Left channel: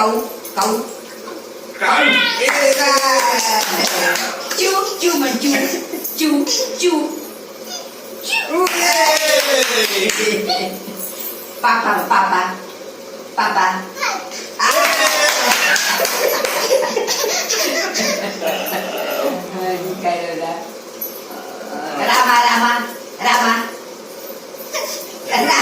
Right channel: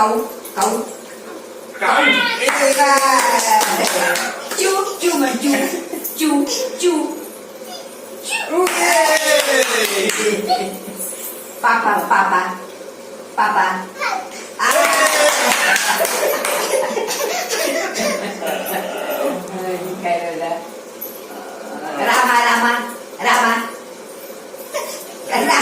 काऊ काऊ चू चू म्हण चू चू चू पापा पापा पापा रामा रामा रामा रामा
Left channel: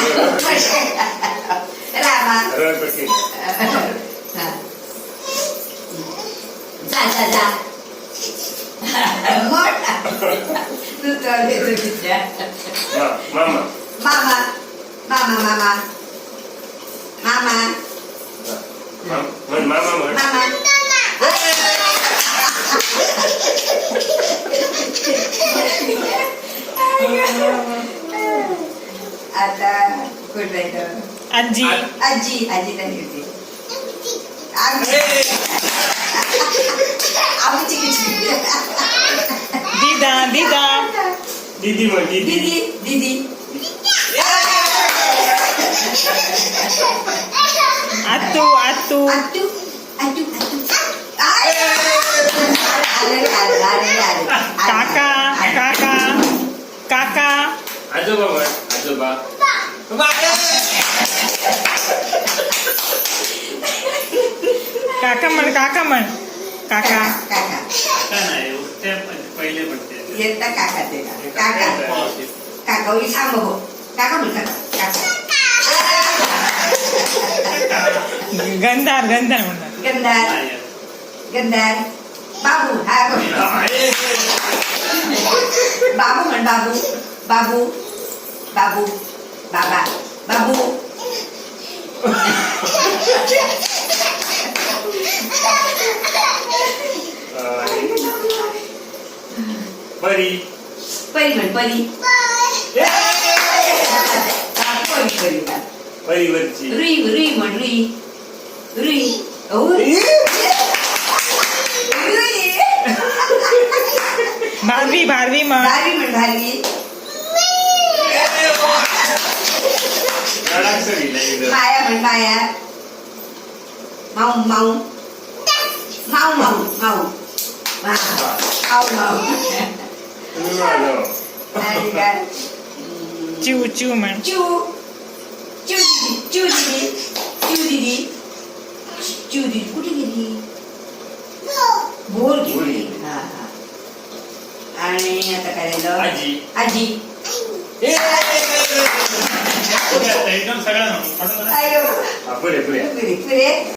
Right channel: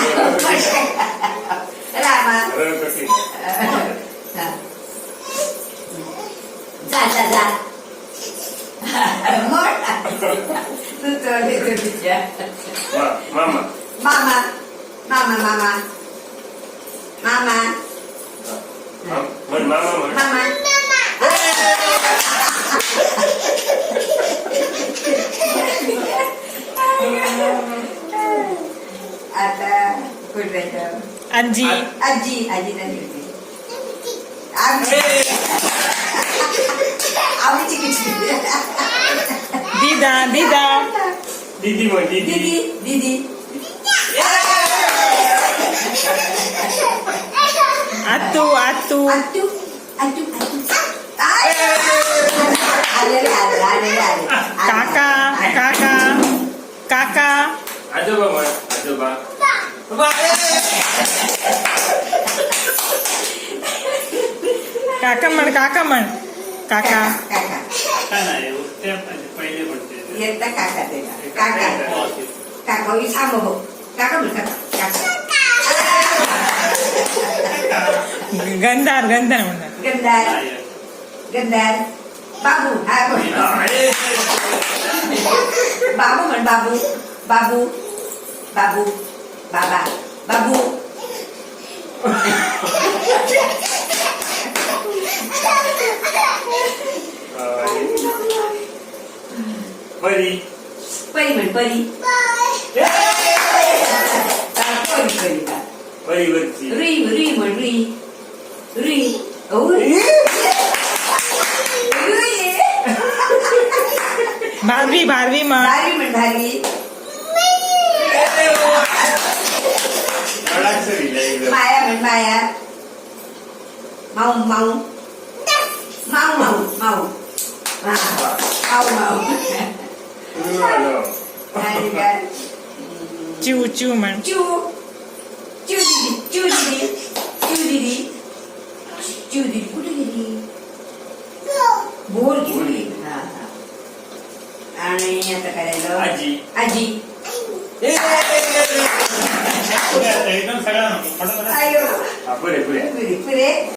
जा जा जा तू तर मामा मामा मामा मामा मामा मामा आता कुठे आजी आजी आजी झाली होती आमची किती दीदा दीदा दीदी दीदी दीदी आतू आतू आतू आतू आले काका काका काका आजोबा म्हण आजोबा काका म्हण काका म्हण काका काका पहिले म्हणते येता काका ते काका काका ही सांग बघ काका म्हण काका गंधार गंधार म्हणतात गंधार गंधार बाबू हा बाबू म्हण बाबू बाबू बाबू बाबा बाबू परी परी म्हण परी परी परिवरची रुई रुई म्हण रुई रुई भारवी भारवी म्हण भारी म्हण भारी माया म्हण माया माऊ माऊ माऊ माऊ माऊ माऊ माऊ आणि काय चिव चिव म्हण चू चू दीदी चू दीदी चू दीदी चू दीदी कुठे गेली बोल गेली हा हा आणि आता काय राहिलं आजी आजी एकदम सगळ्यांना आयो पुरे पुरे पुरे